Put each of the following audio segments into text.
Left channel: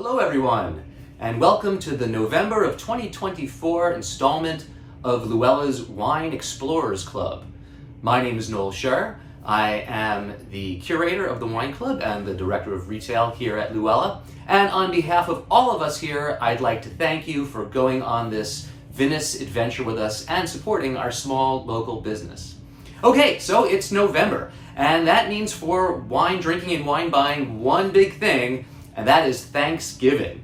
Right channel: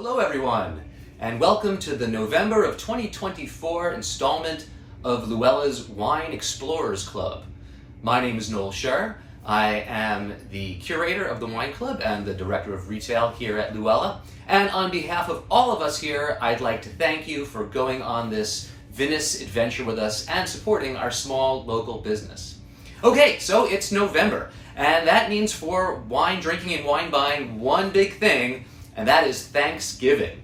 Hello everyone, and welcome to the November of 2024 installment of Luella's Wine Explorers Club. My name is Noel Scher. I am the curator of the wine club and the director of retail here at Luella. And on behalf of all of us here, I'd like to thank you for going on this vinous adventure with us and supporting our small local business. Okay, so it's November, and that means for wine drinking and wine buying one big thing, and that is Thanksgiving.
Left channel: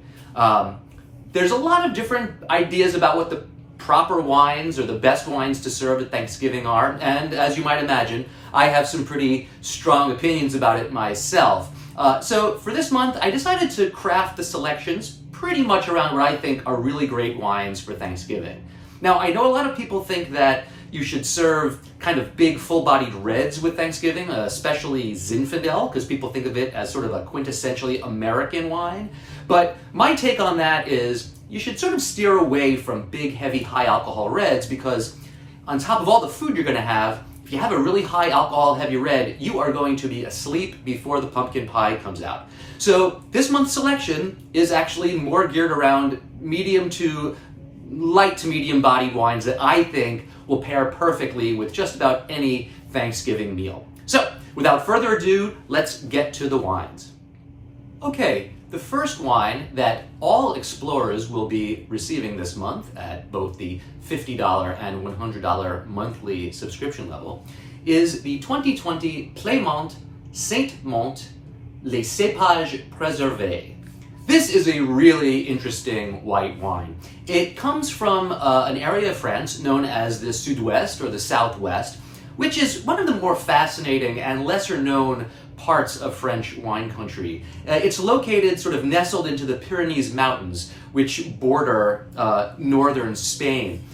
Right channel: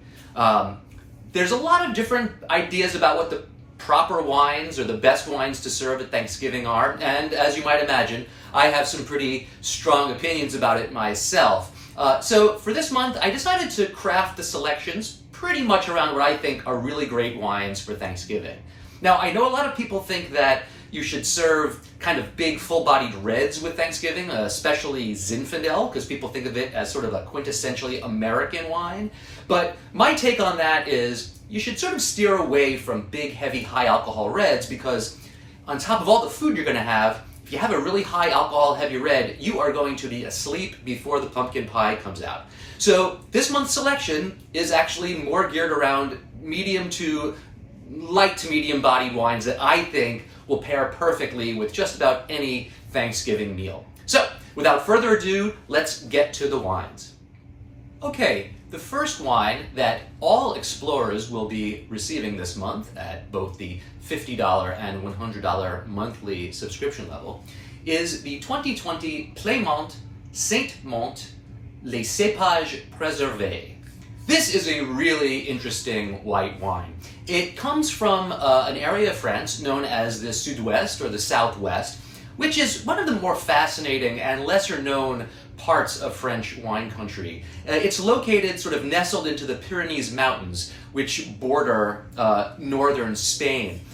There's a lot of different ideas about what the proper wines or the best wines to serve at Thanksgiving are, and as you might imagine, I have some pretty strong opinions about it myself. So for this month, I decided to craft the selections pretty much around what I think are really great wines for Thanksgiving. Now, I know a lot of people think that you should serve kind of big, full-bodied reds with Thanksgiving, especially Zinfandel, because people think of it as sort of a quintessentially American wine. But my take on that is you should sort of steer away from big, heavy, high-alcohol reds, because on top of all the food you're going to have, if you have a really high alcohol heavy red, you are going to be asleep before the pumpkin pie comes out. So this month's selection is actually more geared around medium to light to medium bodied wines that I think will pair perfectly with just about any Thanksgiving meal. So without further ado, let's get to the wines. Okay, the first wine that all explorers will be receiving this month at both the $50 and $100 monthly subscription level is the 2020 Clément Saint-Monte Les Cépages Préservés. This is a really interesting white wine. It comes from an area of France known as the Sud-Ouest or the Southwest, which is one of the more fascinating and lesser known parts of French wine country. It's located sort of nestled into the Pyrenees Mountains, which border northern Spain.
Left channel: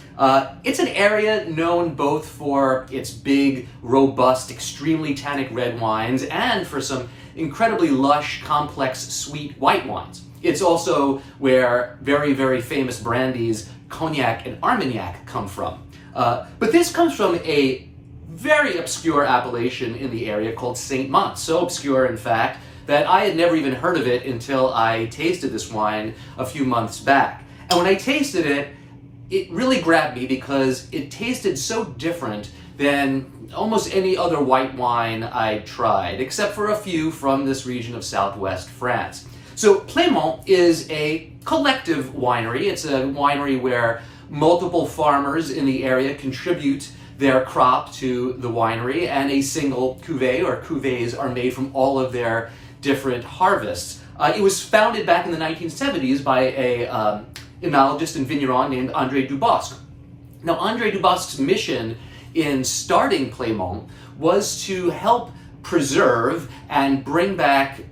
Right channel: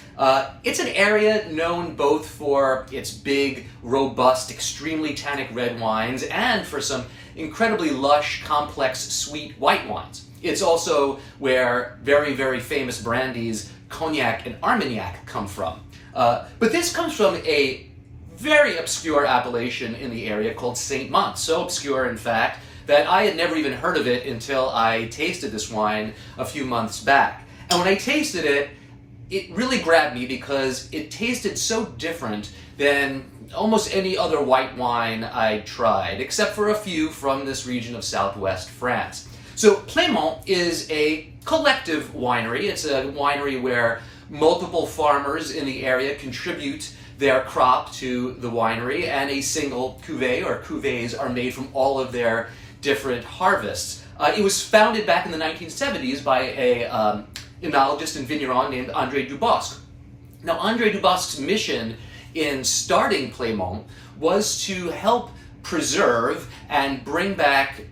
It's an area known both for its big, robust, extremely tannic red wines and for some incredibly lush, complex, sweet white wines. It's also where very, very famous brandies Cognac and Armagnac come from. But this comes from a very obscure appellation in the area called Saint-Monte. So obscure, in fact, that I had never even heard of it until I tasted this wine a few months back. And when I tasted it, it really grabbed me because it tasted so different than almost any other white wine I tried, except for a few from this region of southwest France. So Clément is a collective winery. It's a winery where multiple farmers in the area contribute their crop to the winery, and a single cuvée or cuvées are made from all of their different harvests. It was founded back in the 1970s by a enologist and vigneron named André Dubosc. Now, André Dubosc's mission in starting Clément was to help preserve and bring back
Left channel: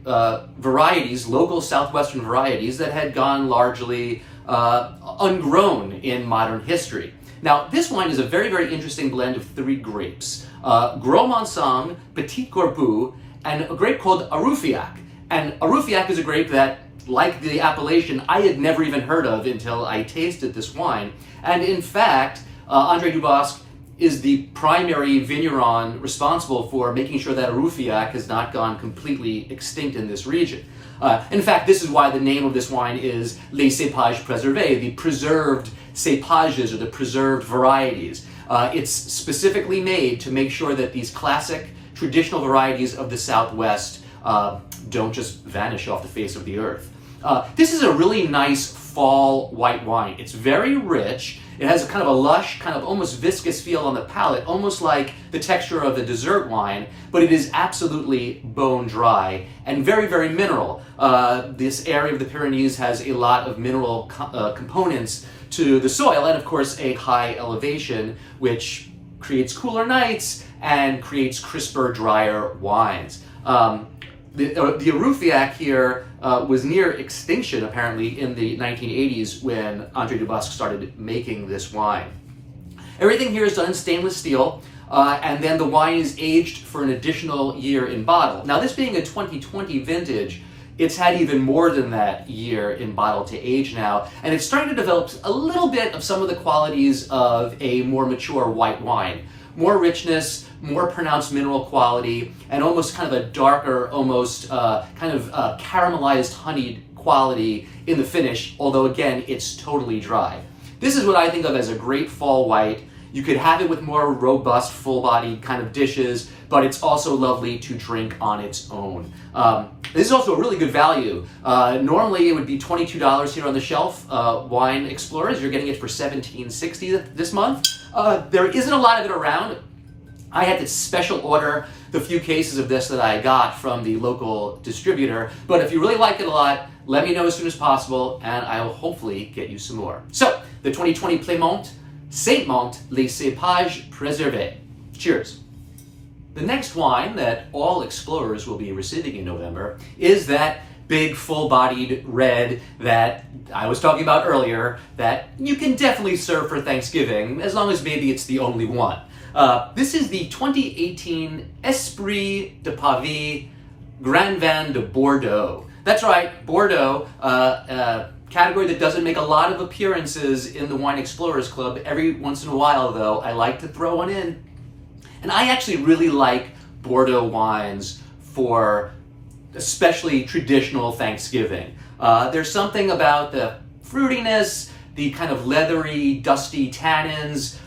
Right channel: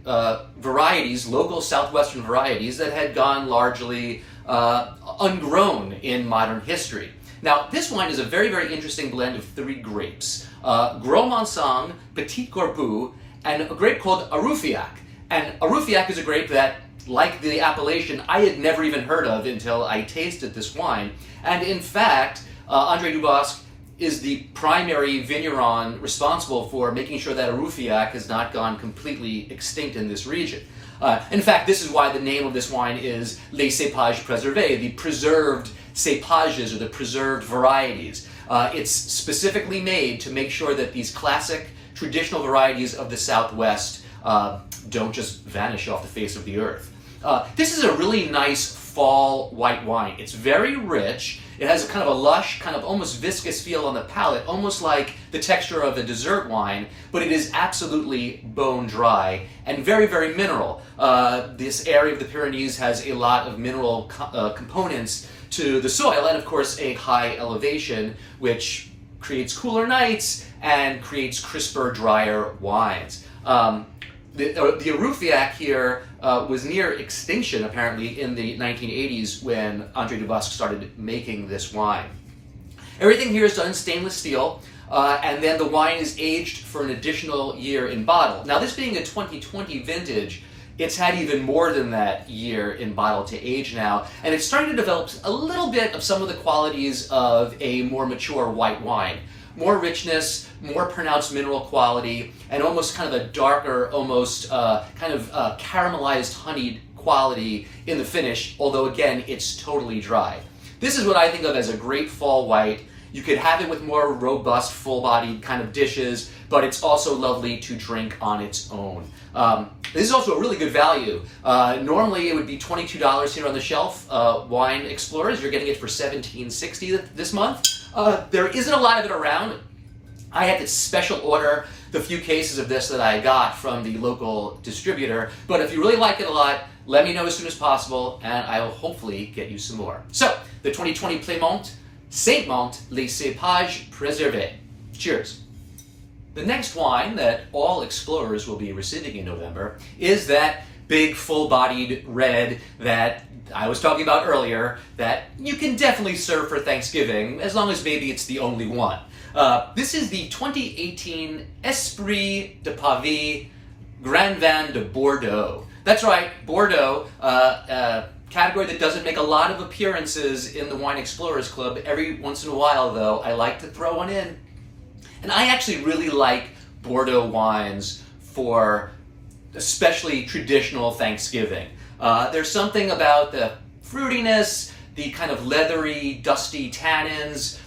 varieties, local southwestern varieties that had gone largely ungrown in modern history. Now, this wine is a very, very interesting blend of three grapes, Gros Manseng, Petit Corbu, and a grape called Arufaiac. And Arufaiac is a grape that, like the appellation, I had never even heard of until I tasted this wine. And in fact, André Dubosc is the primary vigneron responsible for making sure that Arufaiac has not gone completely extinct in this region. In fact, this is why the name of this wine is Les Cépages Préservés, the preserved cépages or the preserved varieties. It's specifically made to make sure that these classic traditional varieties of the Southwest don't just vanish off the face of the earth. This is a really nice fall white wine. It's very rich. It has a kind of a lush, kind of almost viscous feel on the palate, almost like the texture of a dessert wine, but it is absolutely bone dry and very, very mineral. This area of the Pyrenees has a lot of mineral components to the soil, and of course a high elevation, which creates cooler nights and creates crisper, drier wines. The Arufaiac here was near extinction, apparently, in the 1980s when André Dubosc started making this wine. Everything here is done in stainless steel, and then the wine is aged for an additional year in bottle. Now, this being a 2020 vintage, it's had even more than that year in bottle to age now, and it's starting to develop a little bit of some of the qualities of a more mature white wine. More richness, more pronounced mineral quality, and almost kind of a darker, almost caramelized honeyed quality in the finish, although again, it's totally dry. This is what I think of as a great fall white. You could have it with more robust, full-bodied kind of dishes, but it's also lovely to drink on its own. This is also a really good value. Normally it would be $22 here on the shelf. Wine Explorers, you're getting it for $17.60 this month. There isn't a lot of it around. I had to special order the few cases of this that I got from the local distributor, but if you really like it a lot, let me know as soon as possible, and I will hopefully get you some more. So, the 2020 Clément, Saint-Mont, les cépages préservés. Cheers. The next wine that all explorers will be receiving in November is that big full-bodied red that I was talking about earlier that you can definitely serve for Thanksgiving, as long as maybe it's the only one. This is the 2018 Esprit de Pavie Grand Vin de Bordeaux. That's right, Bordeaux, category that doesn't make a lot of appearances in the Wine Explorers Club. Every once in a while, though, I like to throw one in. And I actually really like Bordeaux wines for especially traditional Thanksgiving. There's something about the fruitiness, the kind of leathery, dusty tannins,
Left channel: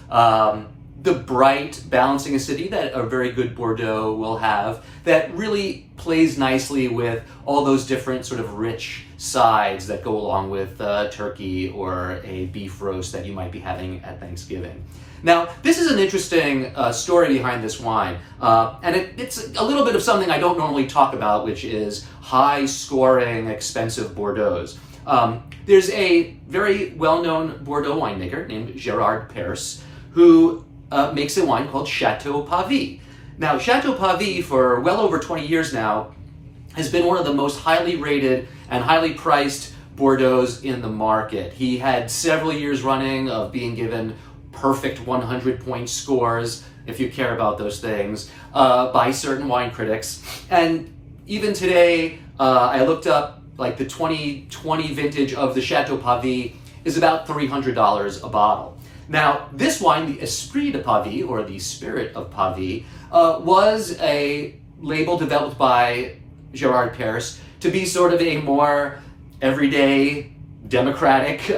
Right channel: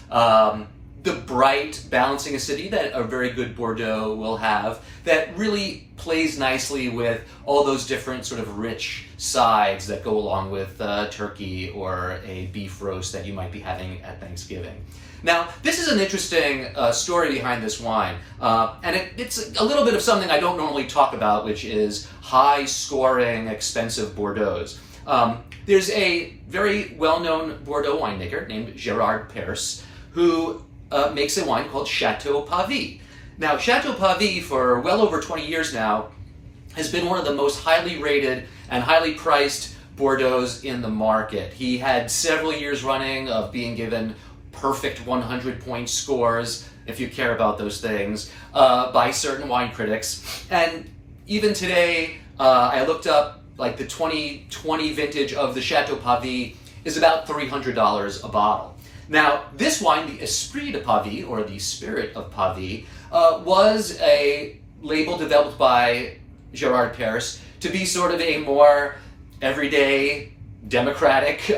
the bright, balancing acidity that a very good Bordeaux will have that really plays nicely with all those different sort of rich sides that go along with turkey or a beef roast that you might be having at Thanksgiving. Now, this is an interesting story behind this wine, and it's a little bit of something I don't normally talk about, which is high-scoring, expensive Bordeauxs. There's a very well-known Bordeaux winemaker named Gerard Perse, who makes a wine called Chateau Pavie. Now, Chateau Pavie, for well over 20 years now, has been one of the most highly rated and highly priced Bordeauxs in the market. He had several years running of being given perfect 100-point scores, if you care about those things, by certain wine critics. And even today, I looked up, like the 2020 vintage of the Chateau Pavie is about $300 a bottle. Now, this wine, the Esprit de Pavie, or the Spirit of Pavie, was a label developed by Gerard Perse to be sort of a more everyday, democratic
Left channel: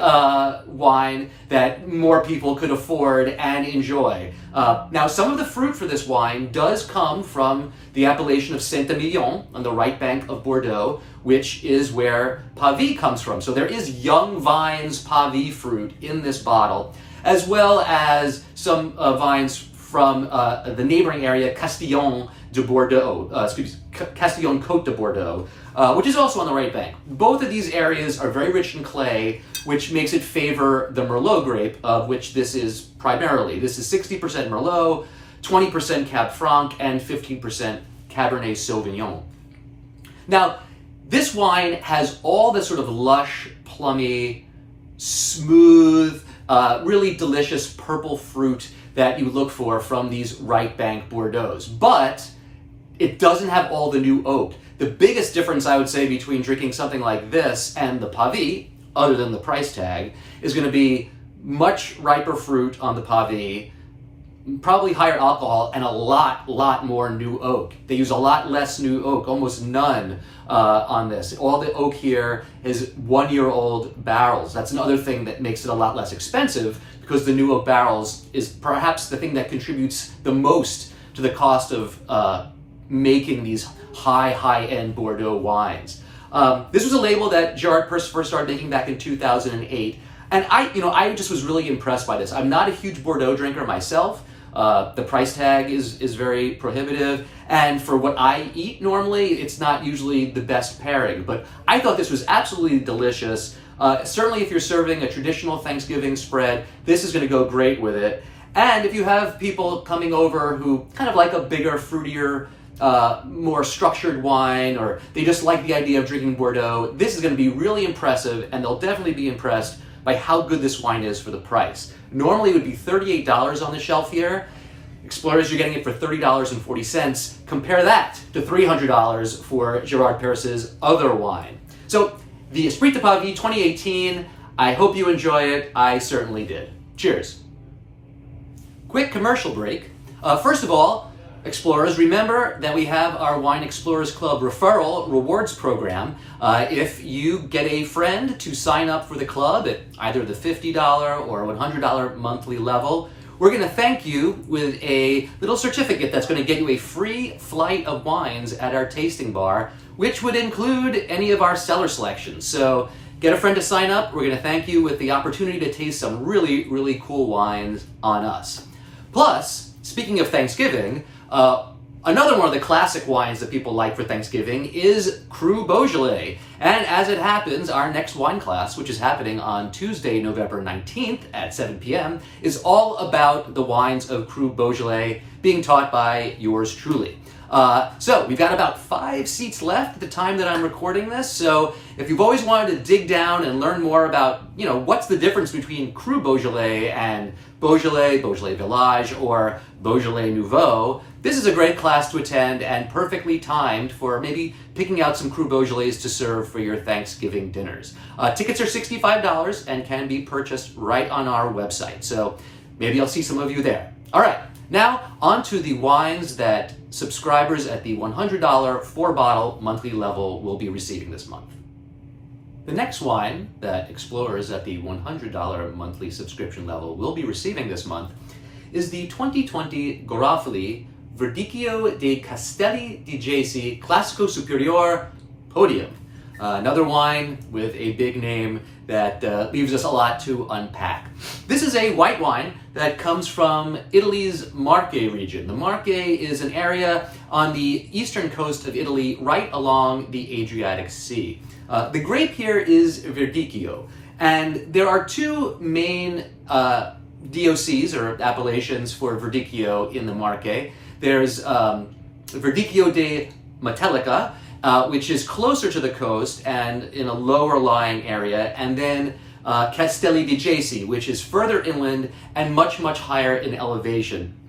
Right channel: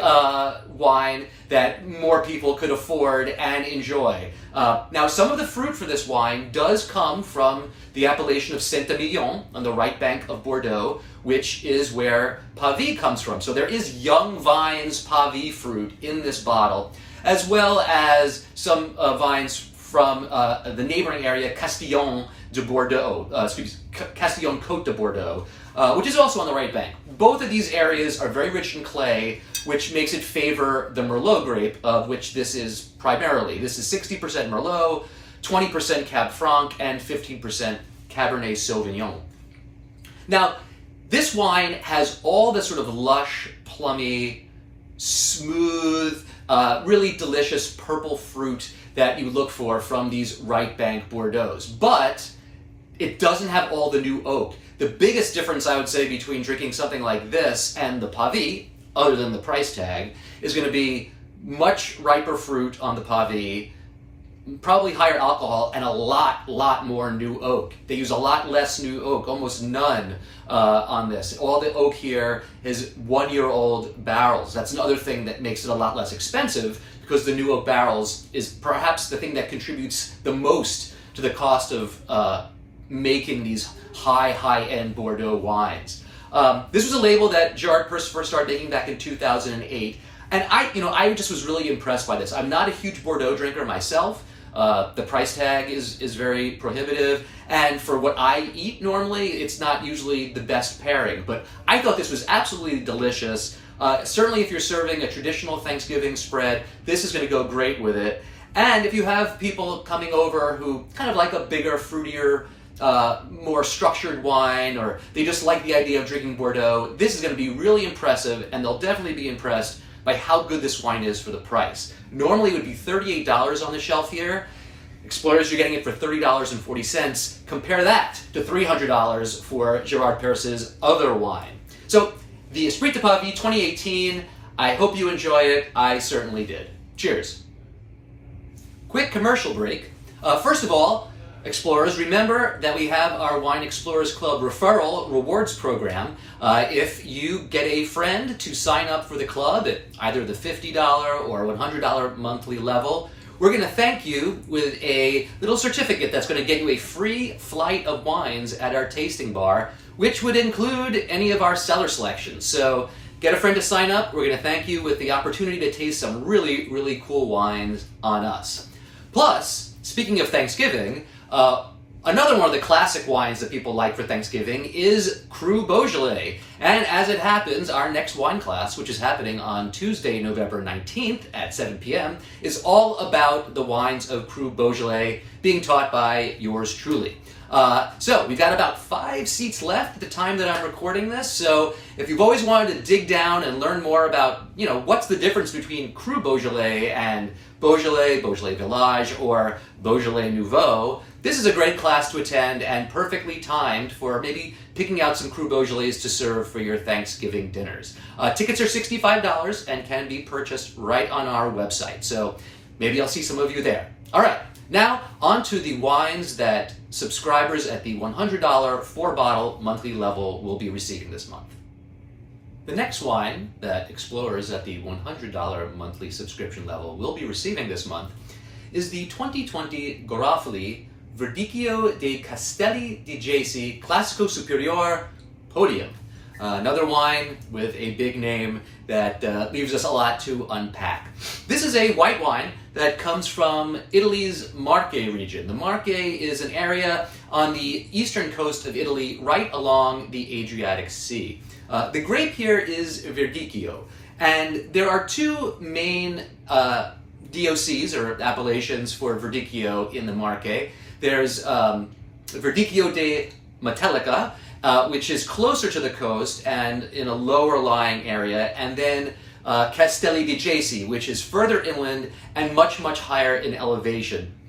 wine that more people could afford and enjoy. Now, some of the fruit for this wine does come from the appellation of Saint-Emilion on the right bank of Bordeaux, which is where Pavie comes from. So there is young vines Pavie fruit in this bottle, as well as some vines from the neighboring area, Castillon de Bordeaux, Castillon Côte de Bordeaux, which is also on the right bank. Both of these areas are very rich in clay, which makes it favor the Merlot grape, of which this is primarily. This is 60% Merlot, 20% Cab Franc, and 15% Cabernet Sauvignon. Now, this wine has all the sort of lush, plummy, smooth, really delicious purple fruit that you would look for from these right bank Bordeauxs, but it doesn't have all the new oak. The biggest difference, I would say, between drinking something like this and the Pavie, other than the price tag, is going to be much riper fruit on the Pavie, probably higher alcohol, and a lot more new oak. They use a lot less new oak, almost none on this. All the oak here is 1-year-old barrels. That's another thing that makes it a lot less expensive, because the new oak barrels is perhaps the thing that contributes the most to the cost of making these high-end Bordeaux wines. This was a label that Gerard Perse first started making back in 2008, and I just was really impressed by this. I'm not a huge Bordeaux drinker myself. The price tag is very prohibitive, and for what I eat normally, it's not usually the best pairing, but I thought this was absolutely delicious. Certainly if you're serving a traditional Thanksgiving spread, this is going to go great with it. And if you have people coming over who kind of like a bigger, fruitier, more structured wine, or they just like the idea of drinking Bordeaux, this is going to be really impressive, and they'll definitely be impressed by how good this wine is for the price. Normally it would be $38 on the shelf here. Explorers, you're getting it for $30.40. Compare that to $300 for Gerard Perse's other wine. So, the Esprit de Pavie 2018, I hope you enjoy it. I certainly did. Cheers. Quick commercial break. First of all, Explorers, remember that we have our Wine Explorers Club referral rewards program. If you get a friend to sign up for the club at either the $50 or $100 monthly level, we're going to thank you with a little certificate that's going to get you a free flight of wines at our tasting bar, which would include any of our cellar selections. So get a friend to sign up. We're going to thank you with the opportunity to taste some really, really cool wines on us. Plus, speaking of Thanksgiving, another one of the classic wines that people like for Thanksgiving is Cru Beaujolais. And as it happens, our next wine class, which is happening on Tuesday, November 19th at 7 p.m., is all about the wines of Cru Beaujolais being taught by yours truly. So we've got about 5 seats left at the time that I'm recording this. So if you've always wanted to dig down and learn more about, what's the difference between Cru Beaujolais and Beaujolais, Beaujolais Village, or Beaujolais Nouveau, this is a great class to attend and perfectly timed for maybe picking out some Cru Beaujolais to serve for your Thanksgiving dinners. Tickets are $65 and can be purchased right on our website. So maybe I'll see some of you there. All right. Now, on to the wines that subscribers at the $100 4-bottle monthly level will be receiving this month. The next wine that explorers at the $100 monthly subscription level will be receiving this month is the 2020 Garofoli Verdicchio dei Castelli di Jesi Classico Superiore Podium. Another wine with a big name that leaves us a lot to unpack. This is a white wine that comes from Italy's Marche region. The Marche is an area on the eastern coast of Italy, right along the Adriatic Sea. The grape here is Verdicchio, and there are 2 main DOCs, or appellations, for Verdicchio in the Marche. There's Verdicchio de Metellica, which is closer to the coast and in a lower lying area, and then Castelli di Jesi, which is further inland and much, much higher in elevation.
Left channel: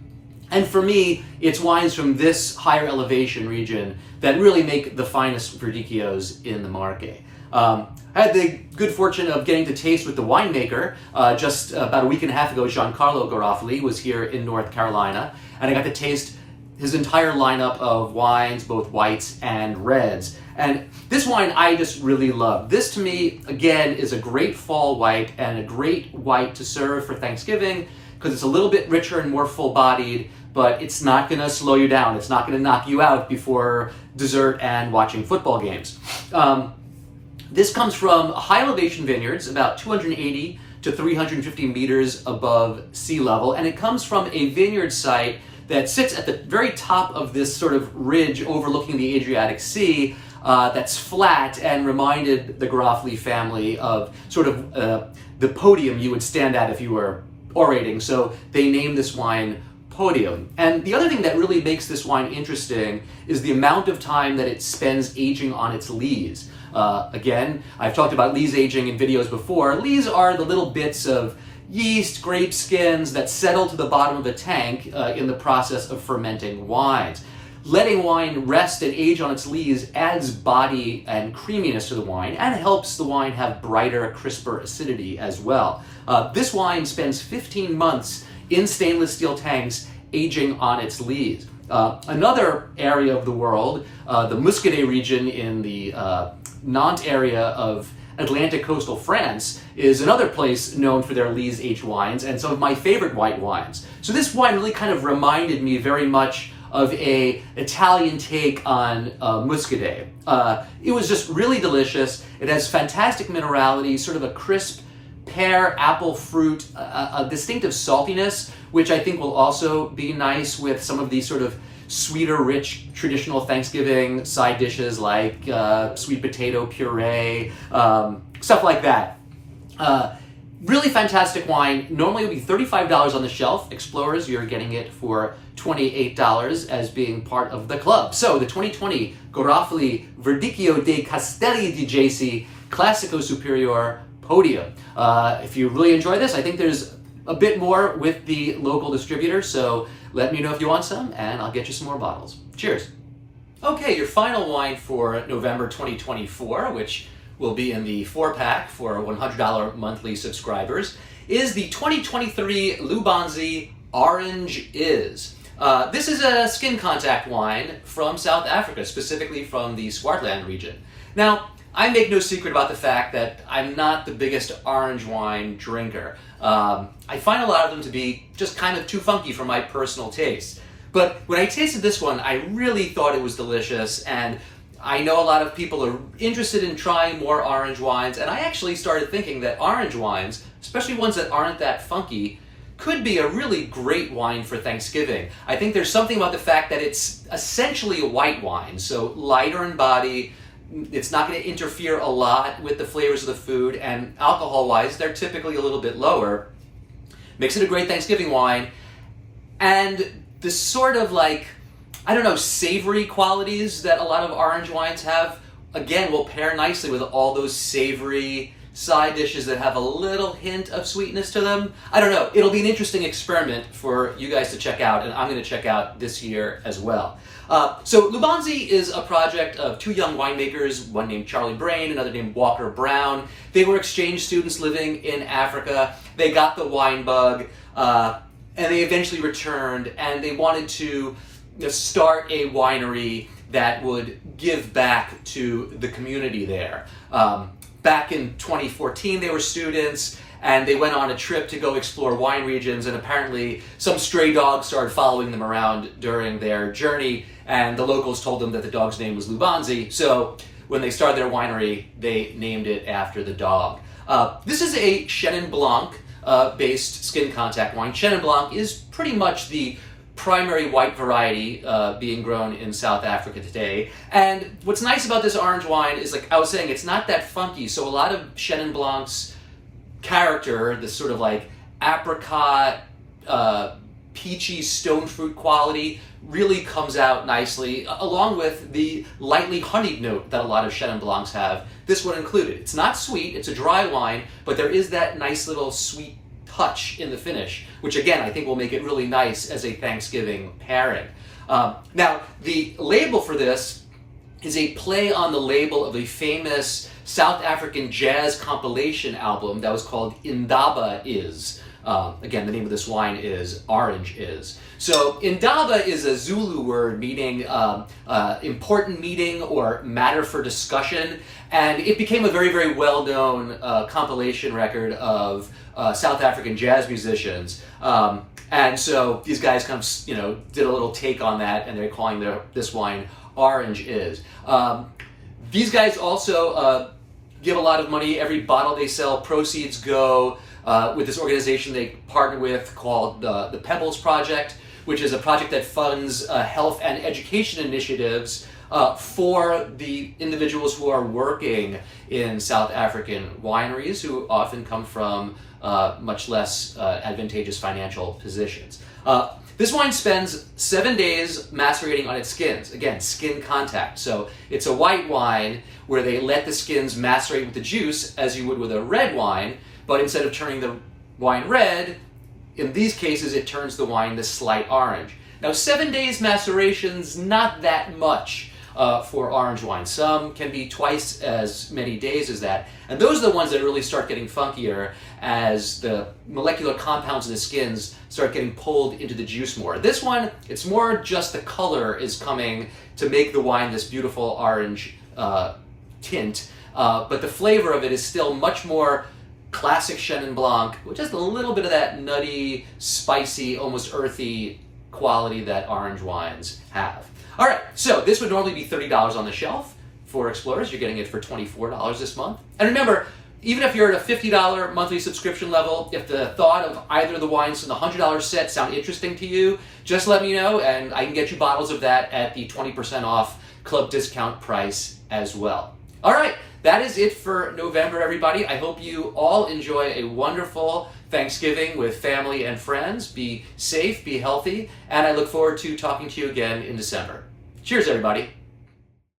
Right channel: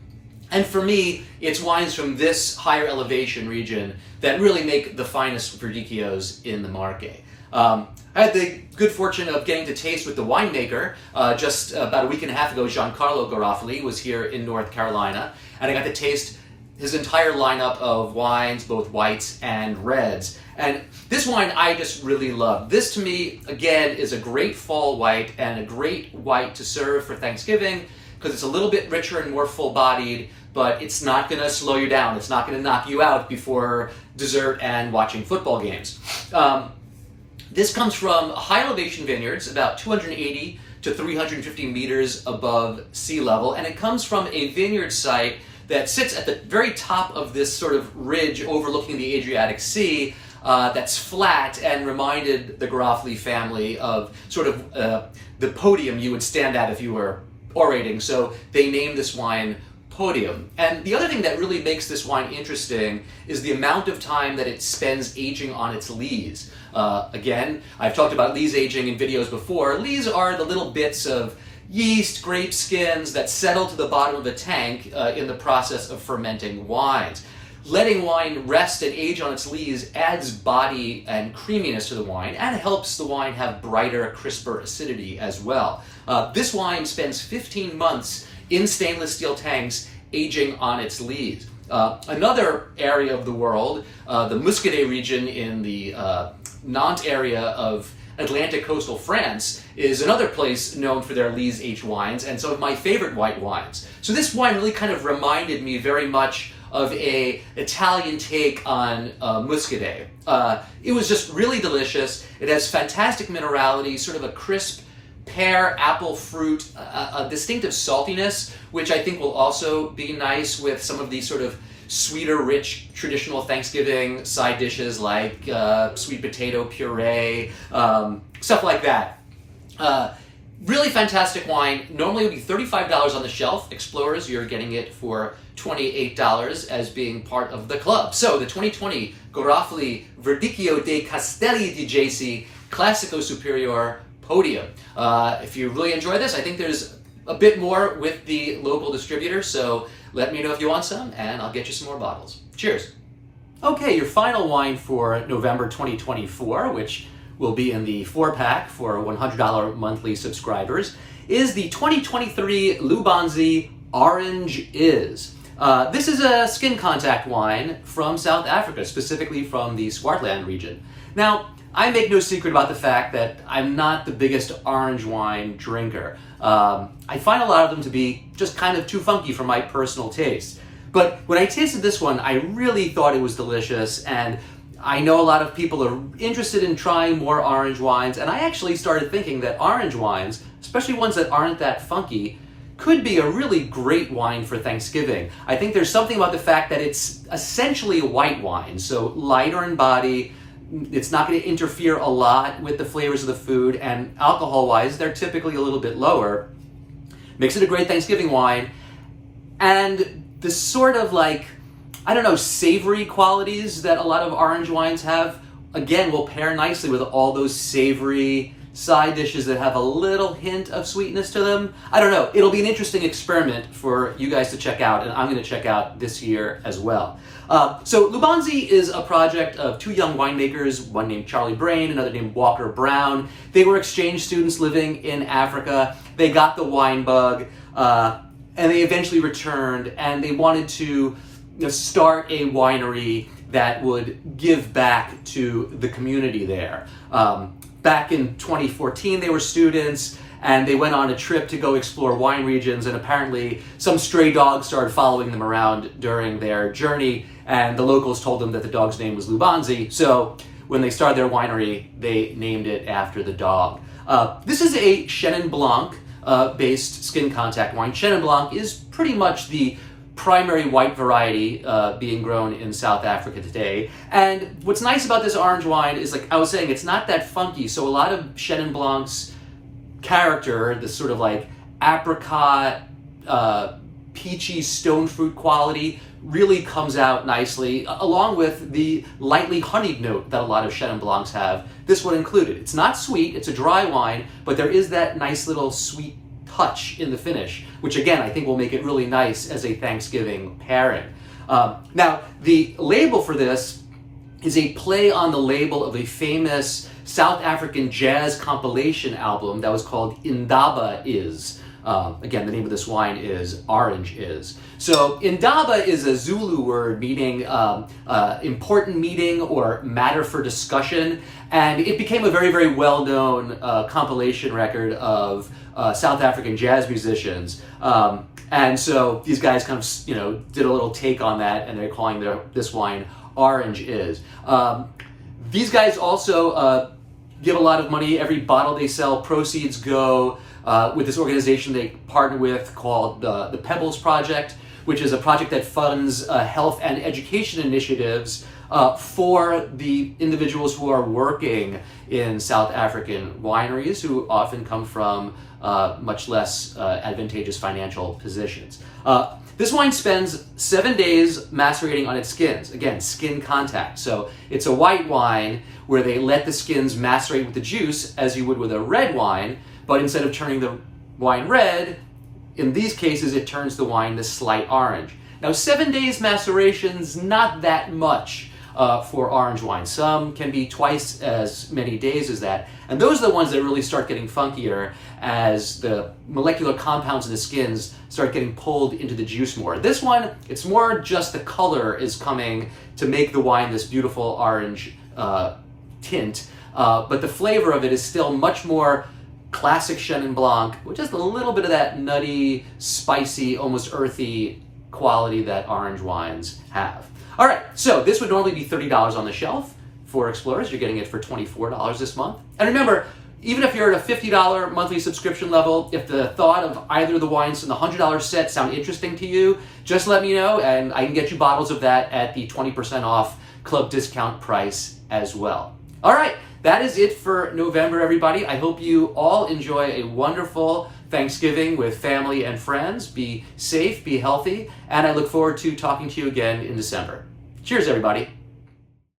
And for me, it's wines from this higher elevation region that really make the finest Verdicchios in the Marche. I had the good fortune of getting to taste with the winemaker just about a week and a half ago. Giancarlo Garofoli was here in North Carolina, and I got to taste his entire lineup of wines, both whites and reds. And this wine I just really love. This, to me, again, is a great fall white and a great white to serve for Thanksgiving because it's a little bit richer and more full-bodied, but it's not going to slow you down. It's not going to knock you out before dessert and watching football games. This comes from high elevation vineyards, about 280 to 350 meters above sea level, and it comes from a vineyard site that sits at the very top of this sort of ridge overlooking the Adriatic Sea that's flat and reminded the Garofoli family of sort of the podium you would stand at if you were orating. So they named this wine Podium. And the other thing that really makes this wine interesting is the amount of time that it spends aging on its lees. Again, I've talked about lees aging in videos before. Lees are the little bits of yeast, grape skins that settle to the bottom of the tank in the process of fermenting wines. Letting wine rest and age on its lees adds body and creaminess to the wine and helps the wine have brighter, crisper acidity as well. This wine spends 15 months in stainless steel tanks aging on its lees. Another area of the world, the Muscadet region in the Nantes area of Atlantic coastal France, is another place known for their lees aged wines and some of my favorite white wines. So this wine really kind of reminded me very much of a Italian take on Muscadet. It was just really delicious. It has fantastic minerality, sort of a crisp pear, apple fruit, a distinctive saltiness, which I think will also be nice with some of these sort of sweeter, rich, traditional Thanksgiving side dishes like sweet potato puree, stuff like that. Really fantastic wine. Normally it would be $35 on the shelf. Explorers, you're getting it for $28 as being part of the club. So the 2020 Garofoli Verdicchio dei Castelli di Jesi Classico Superiore Podium. If you really enjoy this, I think there's a bit more with the local distributor, so let me know if you want some, and I'll get you some more bottles. Cheers. Okay, your final wine for November 2024, which will be in the 4-pack for $100 monthly subscribers, is the 2023 Lubanzi Orange Is. This is a skin contact wine from South Africa, specifically from the Swartland region. Now, I make no secret about the fact that I'm not the biggest orange wine drinker. I find a lot of them to be just kind of too funky for my personal taste. But when I tasted this one, I really thought it was delicious, and I know a lot of people are interested in trying more orange wines, and I actually started thinking that orange wines, especially ones that aren't that funky, could be a really great wine for Thanksgiving. I think there's something about the fact that it's essentially a white wine, so lighter in body. It's not going to interfere a lot with the flavors of the food, and alcohol-wise, they're typically a little bit lower. Makes it a great Thanksgiving wine, and the sort of savory qualities that a lot of orange wines have, again, will pair nicely with all those savory side dishes that have a little hint of sweetness to them. I don't know. It'll be an interesting experiment for you guys to check out, and I'm going to check out this year as well. So Lubanzi is a project of two young winemakers, one named Charlie Brain, another named Walker Brown. They were exchange students living in Africa. They got the wine bug, and they eventually returned, and they wanted to start a winery that would give back to the community there. Back in 2014, they were students, and they went on a trip to go explore wine regions, and apparently some stray dogs started following them around during their journey, and the locals told them that the dog's name was Lubanzi, so when they started their winery, they named it after the dog. This is a Chenin Blanc based skin contact wine. Chenin Blanc is pretty much the primary white variety being grown in South Africa today. And what's nice about this orange wine is, like I was saying, it's not that funky. So a lot of Chenin Blanc's character, this sort of like apricot, peachy stone fruit quality, really comes out nicely, along with the lightly honeyed note that a lot of Chenin Blancs have, this one included. It's not sweet, it's a dry wine, but there is that nice little sweet touch in the finish, which again, I think will make it really nice as a Thanksgiving pairing. Now, the label for this is a play on the label of a famous South African jazz compilation album that was called Indaba Is. Again, the name of this wine is Orange Is. So Indaba is a Zulu word meaning important meeting or matter for discussion, and it became a very, very well-known compilation record of South African jazz musicians. And so these guys kind of, did a little take on that, and they're calling this wine Orange Is. These guys also give a lot of money. Every bottle they sell, proceeds go with this organization they partner with called the Pebbles Project, which is a project that funds health and education initiatives for the individuals who are working in South African wineries, who often come from much less advantageous financial positions. This wine spends 7 days macerating on its skins. Again, skin contact. So it's a white wine where they let the skins macerate with the juice as you would with a red wine, but instead of turning the wine red, in these cases it turns the wine this slight orange. Now 7 days maceration's not that much for orange wine. Some can be twice as many days as that, and those are the ones that really start getting funkier as the molecular compounds in the skins start getting pulled into the juice more. This one, it's more just the color is coming to make the wine this beautiful orange tint, but the flavor of it is still much more classic Chenin Blanc, with just a little bit of that nutty, spicy, almost earthy quality that orange wines have. All right, so this would normally be $30 on the shelf. For Explorers, you're getting it for $24 this month. And remember, even if you're at a $50 monthly subscription level, if the thought of either of the wines in the $100 set sound interesting to you, just let me know, and I can get you bottles of that at the 20% off club discount price as well. All right, that is it for November, everybody. I hope you all enjoy a wonderful Thanksgiving with family and friends. Be safe, be healthy, and I look forward to talking to you again in December. Cheers, everybody.